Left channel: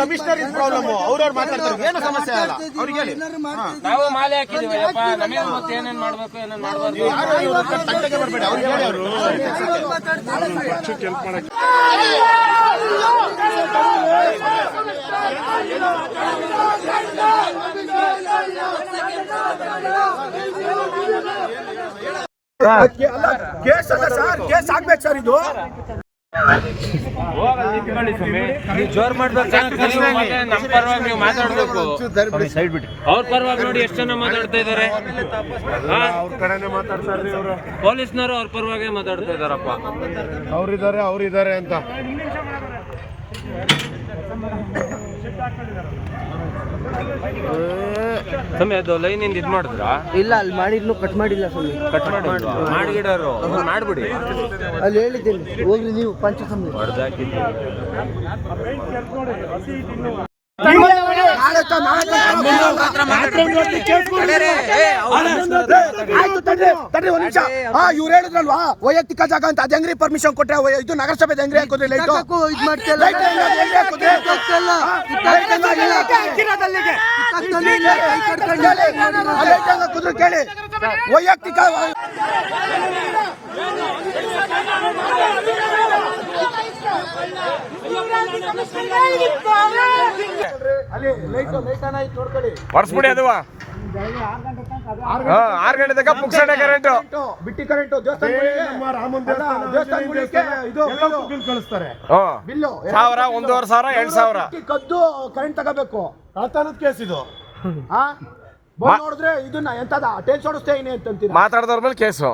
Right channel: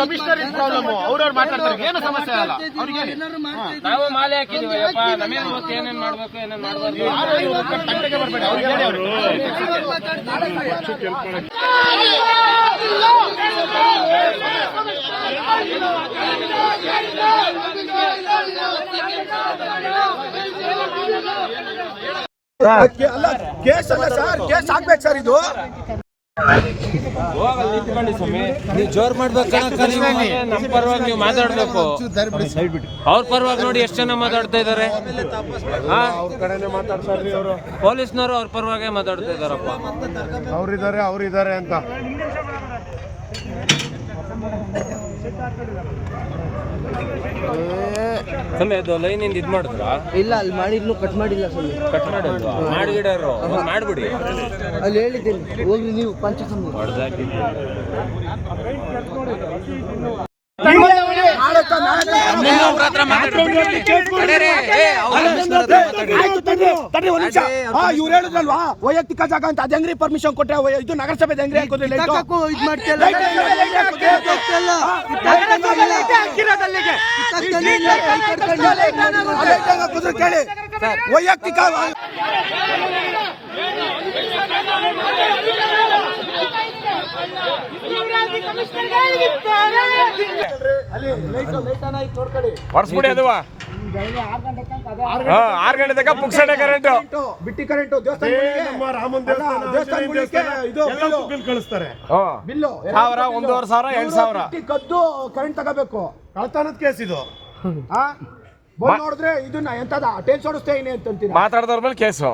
Commissioner problem ಅವ್ರವ್ರು ಮಾತಾಡ್ತಾರೆ. ಏನು ಸಮಸ್ಯೆ ಅಲ್ಲ? ಅವ್ರಿಗೆ ಹೇಳಿ. ನಾವು ಮಾಲೆ ಹಾಕಿದೀವಿ ಅಪ್ಪ ನಮಗೆ ಗೊತ್ತು? ಏನೇನ್ ಮಾಡ್ಬೇಕು ಏನೇನ್ ಮಾಡ್ಬಾರ್ದು? ಹತ್ರ ಬರ್ಬೇಡಿ. ಅವ್ರಿಗೆ ಹೇಳಿ ಅವ್ರಿಗೆ. ಕೇಸ್ ಅಲ್ಲ ಸರ್ ಕೇಸ್ ಆಗ್ಬೇಕು ಸರ್ ಇದು. ಜೋರ್ ಮಾಡ್ಬೇಕು ನಮ್ಮ ಪರವಾಗಿ ನೀವು ಮಾತಾಡ್ಬೇಕು. ಅವ್ರ ಪರವಾಗಿ ನೋಡಿ ಎಷ್ಟು ಜನ ಮಾತಾಡ್ತಾ ಇದಾರೆ. ಪೊಲೀಸ್ನವರು ಅವ್ರ ಪರವಾಗಿ ಮಾತಾಡ್ತಾ ಇದಾರಪ್ಪ. ಅವ್ರಿದ್ದಾರೆ ಅವ್ರಿದ್ದಾರೆ ಅಂತ. ಸ್ವಾಮಿ ಅದು ಲೈನಿಂದ ಇದು ಮಾಡಿದ್ರಾ? ಇಲ್ಲ ಅಲ್ಲಿ ಮಾಡಿದ್ಲು ಕಟ್ ಮಾಡಿಲ್ಲ ಸ್ವಾಮಿ. ಕಟ್ ಮಾಡಿದ್ವಾ? ಮಾಡಿಗಿಡೋರು ಮಾಡ್ಬಿಡಿ. ಅಲ್ಲಿ ಹೇಳಿದ್ದೀನಿ ನೀವು ಪಂಚಕಮ್ಮಿ ಆಯ್ತು ತಡ್ರಿ ತಡ್ರಿ ಒಂದ್ ನಿಮಿಷ ಹಾ ಇವ್ರು ಹೇಳಿದ್ರಲ್ವಾ ವೈಯಕ್ತಿಕ ಜಾಗ ಅಂತ ಅದ್ ಹೆಂಗ್ರಿ ಪರ್ಮಿಷನ್ ಕೊಟ್ರೆ ಇದು ನಗರಸಭೆ ಹೆಂಗ್ರಿ ಇದು ಮಾಡ್ತಿಲ್ಲ ಕೇಳಿ ವೈಯಕ್ತಿಕ ಹೊಡ್ಸ್ಬಿಡಿ ಅದು. ಆರು ಗಂಟೆ ತನಕ ಪುಕ್ಸಡೆ ಕರೆಂಟ್ ಬಿಟ್ಟಿ ಕರೆಂಟು ದೇವಸ್ಥಾನ ಕಳಿಸ್ತಾರೆ. ಬಿಲ್ಲು. ಸಾವಿರ, ಒಂದೂವರೆ ಸಾವಿರ, ಎರಡ್ ಸಾವಿರ. ಬಿಟ್ಟಿ ಕದ್ದು ಕರೆಂಟ್ ತಗೋಬೇಕು. ಕಳ್ತಾನದ ಕೇಸ್ ಇದು. ಆ ಬಂದ್ ನೋಡಿದ್ರೆ ಇದನ್ನ ಎಂತದ ಟೆನ್ಸ್ ಓಡಿಸ್ತೇನೆ ಅಂತ ಮಾತಾಡ್ದವ್ರ ಮೇಲೆ ಕೇಸು